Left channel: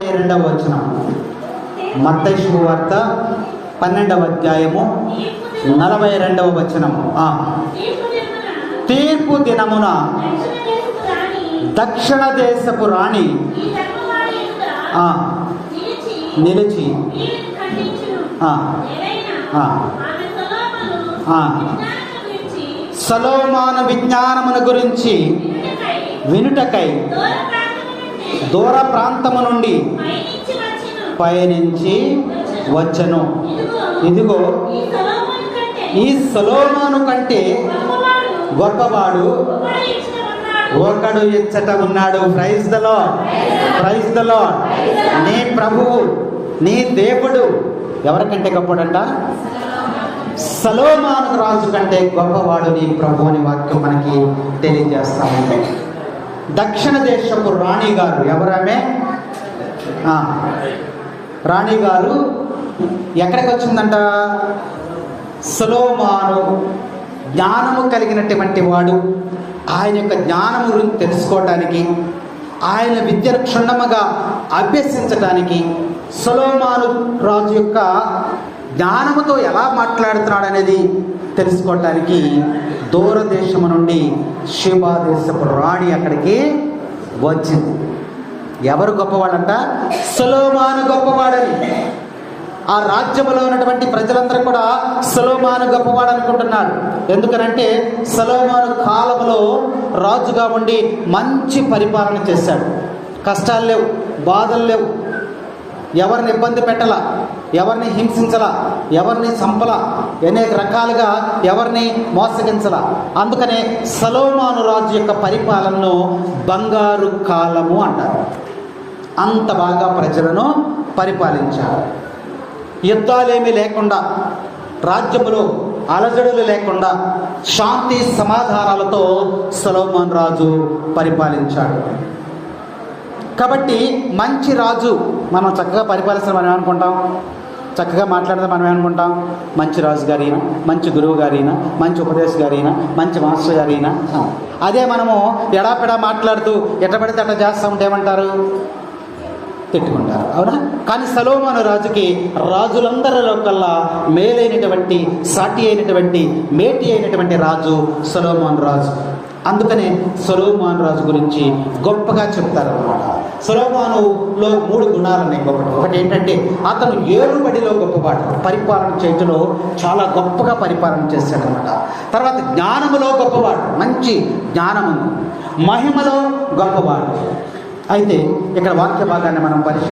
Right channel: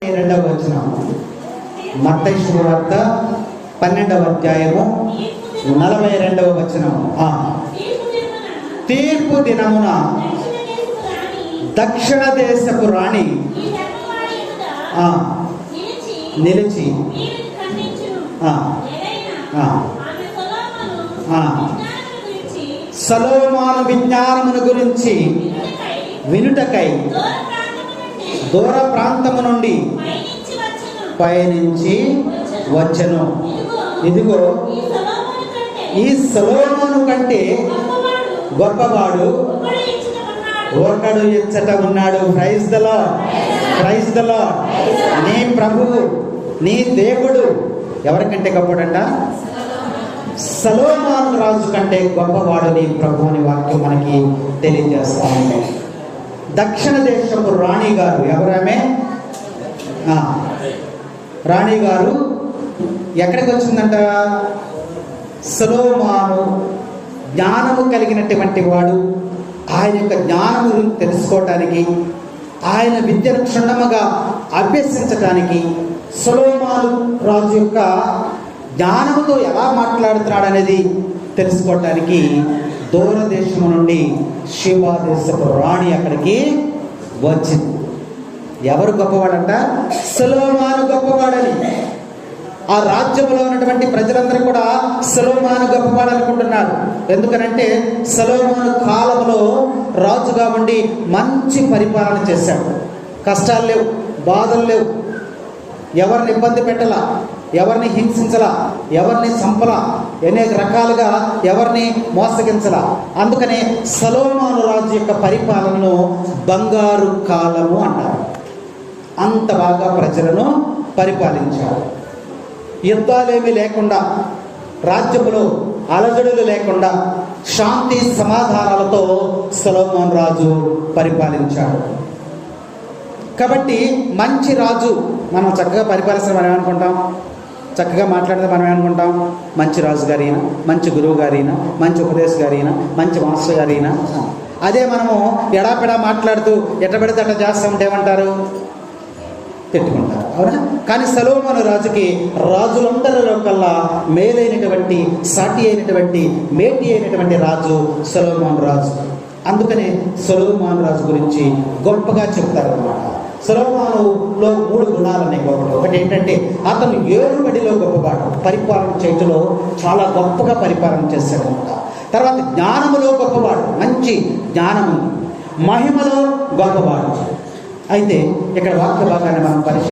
2వ వచనం మత్తయి శుభవార్త 12వ అధ్యాయము 42వ వచనము. తీర్పు దినమున దక్షిణ దేశపు రాణి నిలిచి సొలొమోను విజ్ఞానమును గురించి వినుటకై దూర ప్రాంతము నుండి పయనించి వచ్చెను. ఇదిగో ఈ సొలొమోను కంటే గొప్పవాడు ఒకడు ఇచ్చట ఉన్నాడు. Praise the Lord, praise the Lord. నీ ప్రభువు, నీ దేవుడు ఎవరికంటే గొప్పడంట? సొలొమోను రాజు కంటే గొప్పవాడు నీ ప్రభు అని వాక్యం మనకి తెలియజేస్తాము. దక్షిణ దేశపు రాణి గారు ఎవరామె? రాణి గారు ఎక్కడికి వచ్చిందంట? సొలొమోను జ్ఞానము కలిగినటువంటి వాడు, ఆయన యొక్క జ్ఞానము గురించి తెలుసుకోవటానికి, ఆయన విద్యను క్షుణ్ణముగా అభ్యసించటానికి, సొలొమోను రాజు యొక్క జ్ఞానముతో ఎలా మాట్లాడుతున్నాడు అనేది తెలుసుకోవటానికి దూరదేశము నుండి షేబా దేశపు రాణి అక్కడికి వచ్చింది. ఎవరు గొప్పవాడంట? సొలొమోను గొప్పవాడని. ఆ రాజ్యములో ఉన్నటువంటి ప్రజలందరూ కూడా సొలొమోను గొప్పవాడు అనుకుంటున్నారు. ఎందుకనంటే సొలొమోను కాలంలో రాజుగా ఉండి మంచి పరిపాలన చేశాడు. కష్టాలు లేవు, బాధలు లేవు, ఎవరిని ఇబ్బంది పెట్టాల, ఎవరిని హింసించలా, ఎవరిని సంపలా, అనేక రకాలుగా ఎవరిని మోసగించలా. అందుకనే సొలొమోను రాజు యొక్క పరిపాలనను బంగారు కాలము అంటారు. అంత బాగా ప్రజలను పరిపాలించారు. యుద్ధాలేమీ లేకుండా, రాజ్యములో అలజడులు లేకుండా, శాంతి సమాధానాలతో సొలొమోను రాజు పరిపాలించాడు. కాబట్టి మంచి రాజు మనం చక్కగా పరిపాలిస్తే మనం ఏమనుకుంటాం? చక్కగా మాట్లాడితే మనం ఏమనుకుంటాం? మంచి రాజు గారైనా, మంచి గురువు గారైనా, మంచి ఉపదేశ గారైనా, మంచి మాస్టర్ గారైనా. అదే మనము ఎడాపెడా మాట్లాడుతూ ఎట్టబడితే అట్లా చేస్తూ ఉంటే ఏమంటారు? తిట్టుకుంటారు, అవునా? కానీ సొలొమోను రాజుకి రాజులందరిలో కల్లా మేలైనటువంటి, సాటి అయినటువంటి, మేటి అయినటువంటి రాజు సొలొమోను రాజు. అందుకనే సొలొమోను రాజు గురించి గొప్పగా చెప్తారు అన్నమాట. సొలొమోనులో 3 గుణాలు ఉన్నాయి గొప్ప. ఒకటి ఏంటంటే అతను ఏరుబడిలో గొప్పవాడు, పరిపాలన చేయటంలో చాలా గొప్పగా పరిపాలన చేశాడనమాట. తర్వాత జ్ఞానములో గొప్పవాడు, మంచి జ్ఞానము, మహిమలో గొప్పవాడు. అయితే ఇక్కడ వాక్య భాగాన్ని మనం